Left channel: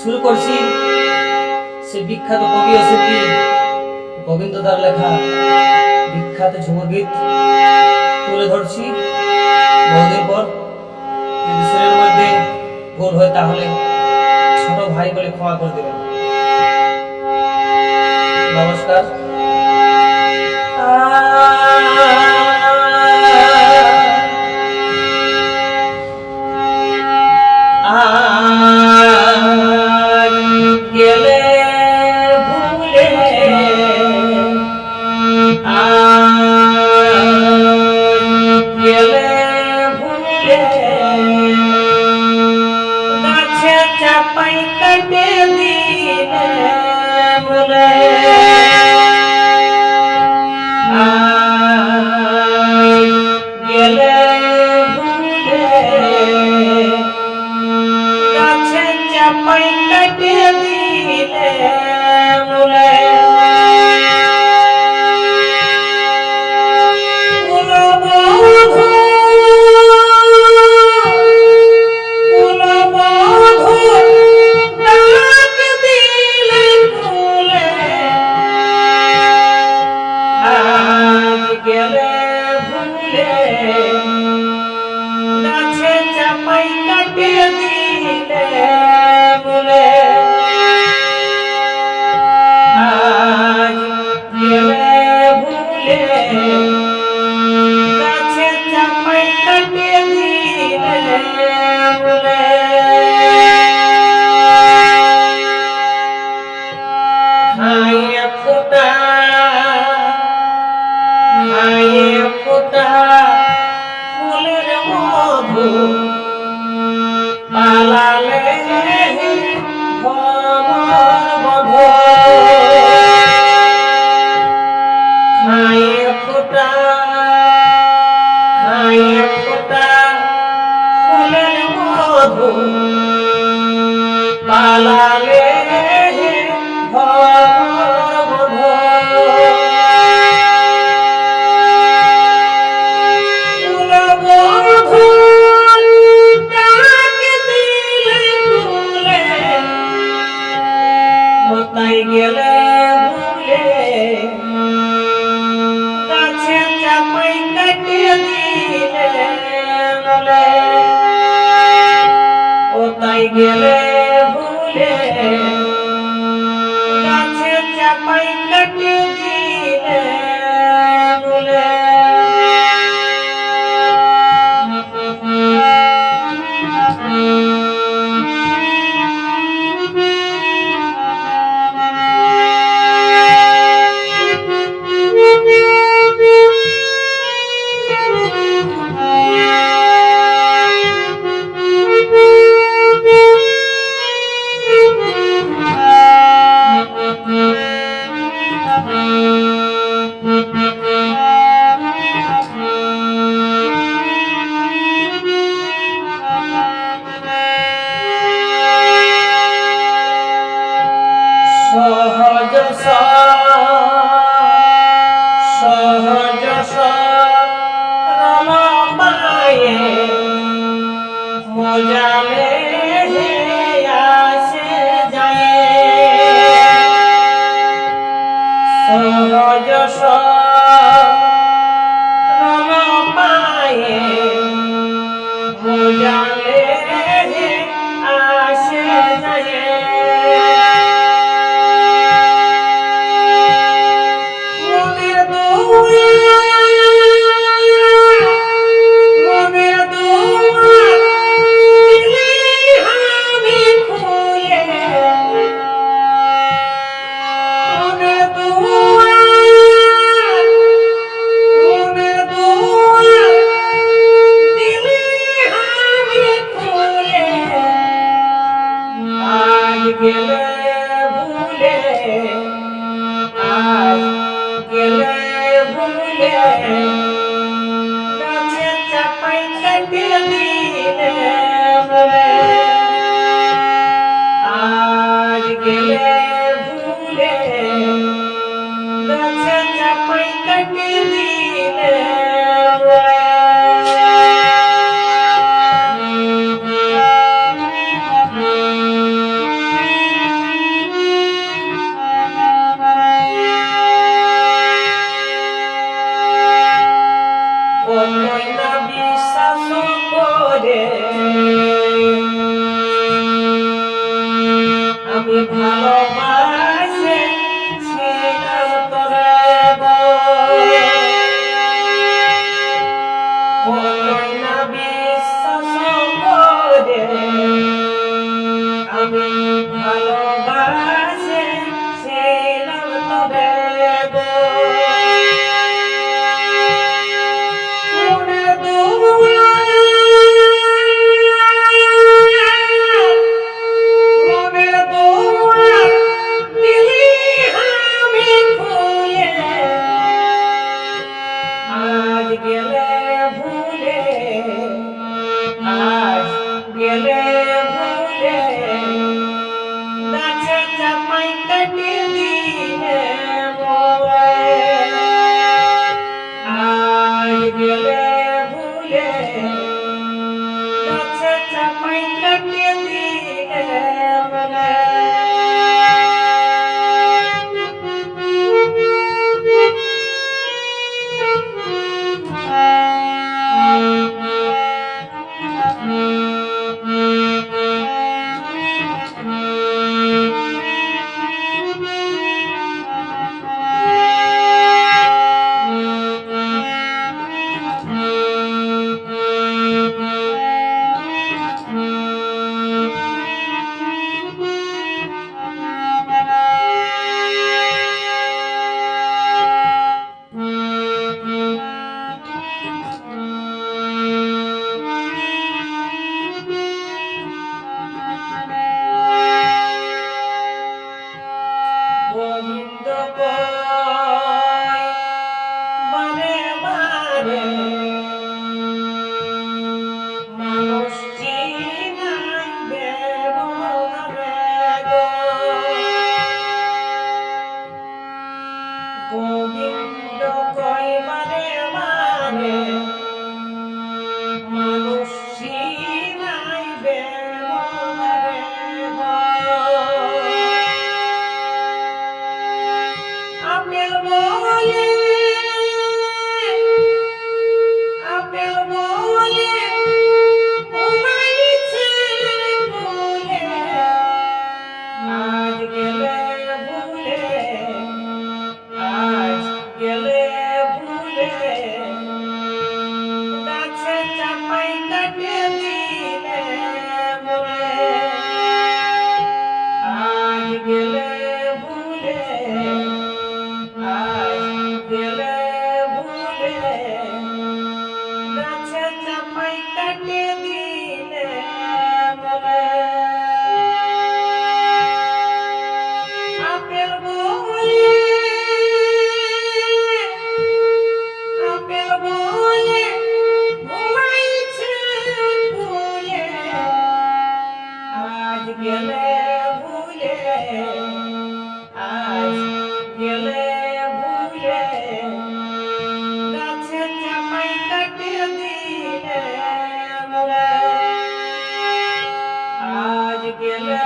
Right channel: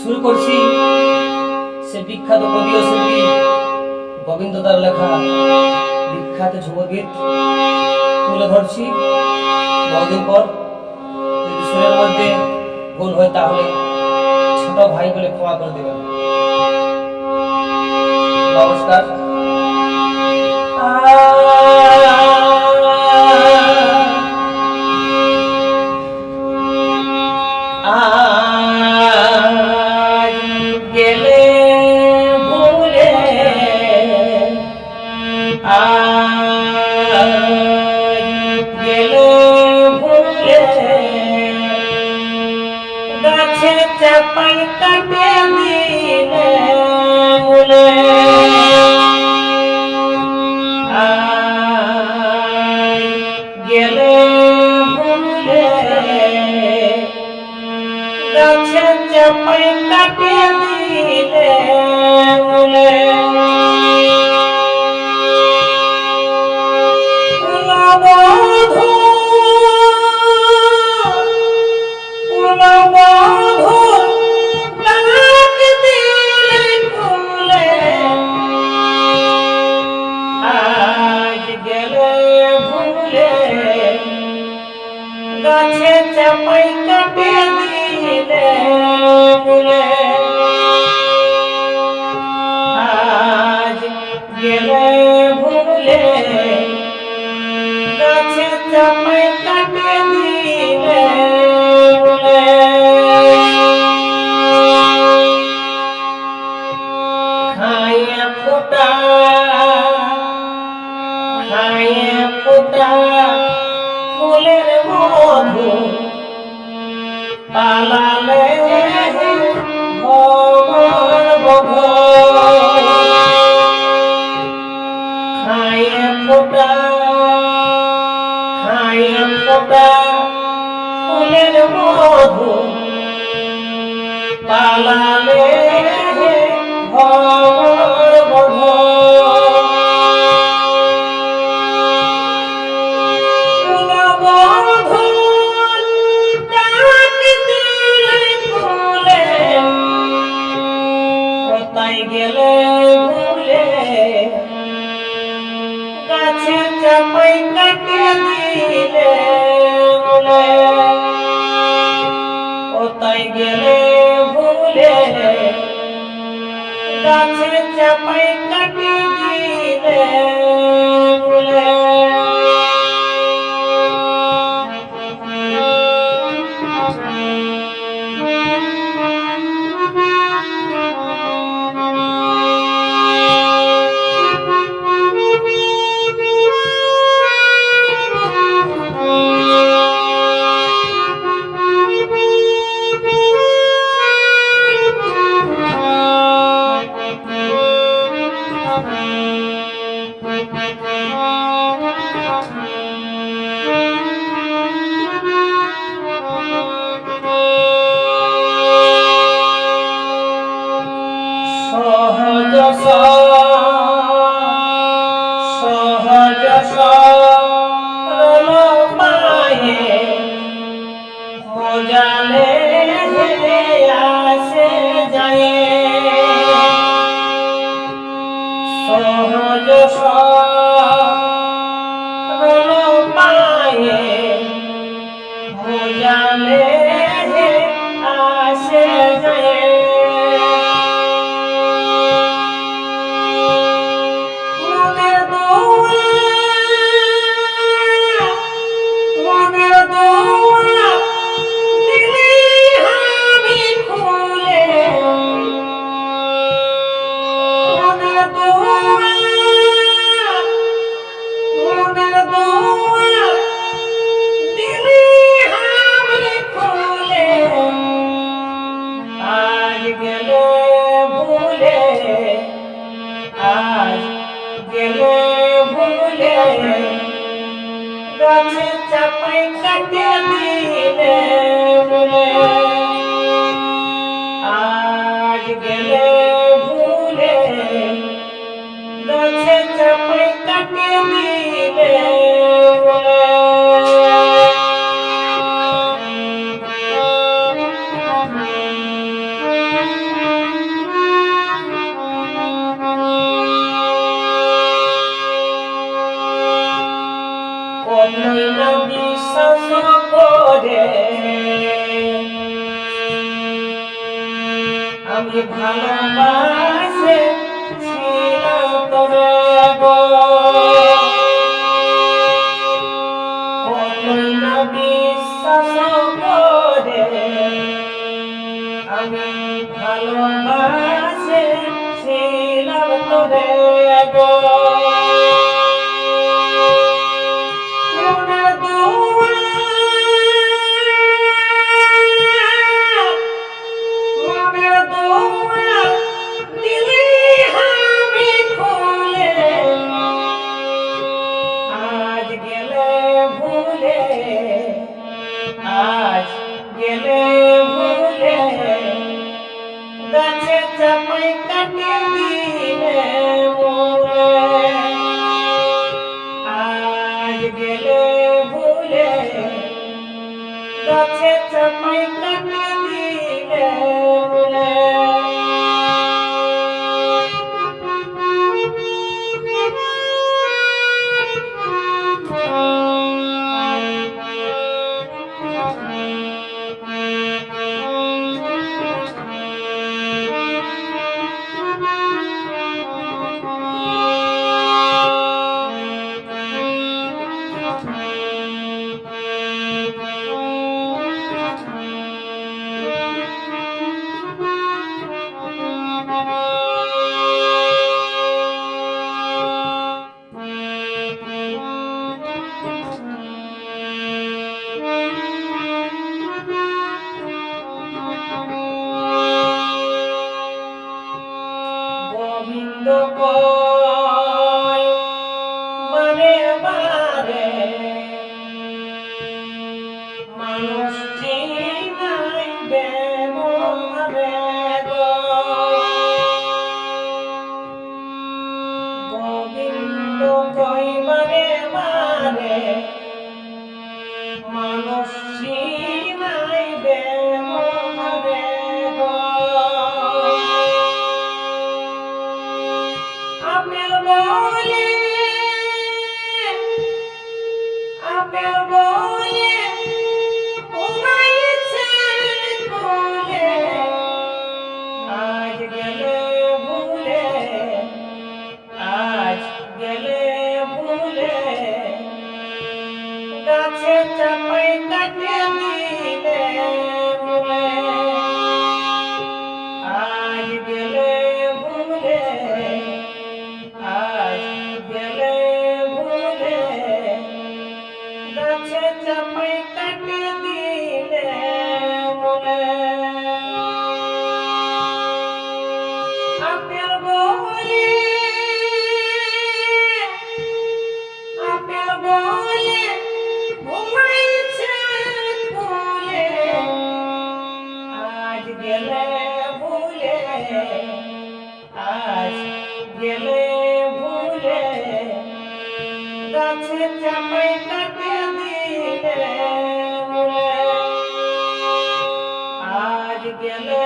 শুরু করছি সে বিখ্যাত কবি ও শিল্পী গোবিন্দ দার লেখা বিখ্যাত ঝুমুর গীত তুলে ধরছি। বহুদিন পর যদি সুরের মধ্যে ভুল হয় তাহলে ছোট ভাই বলে ক্ষমা করে দেবেন। নমস্কার। চাপাই কাটে দিলে বলে গেলে ভুলে গাছে চাপাই কাটে দিলে বলে গাছে চাপাই কাটে দিলে বলে আজ গেলে ভুলে গাছে চাপাই কাটে দিলে বলে খাইয়ে ফোটা ফুলের মধু পালালে ভবর বধ খাইয়ে ফোটা ফুলের মধু পালালে ভবর বধ তাই গেলে ভুলে গাছে চাপাই কাটে দিলে বলে ও তাই গেলে ভুলে গাছে চাপাই কাটে দিলে বলে সহজ সরল পায়ে মজালে আসে যায় সহজ সরল পায়ে মজালে আসে যায় গেলে ভুলে আজ গেলে ভুলে গাছে চাপাই কাটে দিলে বলে আজ গেলে ভুলে গাছে চাপাই কাটে দিলে বলে ভালোবাসে ছিলাম তবে গো মনের দুয়ার দিলি আমি খুলে আজ গেলে ভুলে আজ গেলে ভুলে গাছে চাপাই কাটে দিলে মোরে আজ গেলে ভুলে গাছে চাপাই কাটে দিলে মোরে গোবিন্দ কয় বারে বারে মানুষ চিনাই ব্যবহারে গো গোবিন্দ কয় বারে বারে মানুষ চিনাই ব্যবহারে গো আপেল বলে ঘুমাইছে কোলে আজ গেলে ভুলে আজ গেলে ভুলে গাছে চাপাই কাটে দিলে মোরে আজ গেলে ভুলে আজ গেলে ভুলে গাছে চাপাই কাটে দিলে মোরে আপেল বলে ঘুমাইছে কোলে আজ গেলে ভুলে আজ গেলে ভুলে গাছে চাপাই কাটে দিলে মোরে আজ গেলে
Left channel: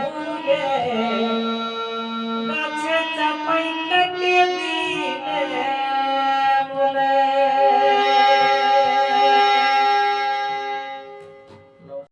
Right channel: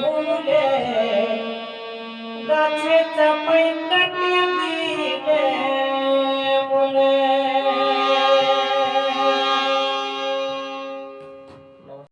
ভুলে গাছে চাপাই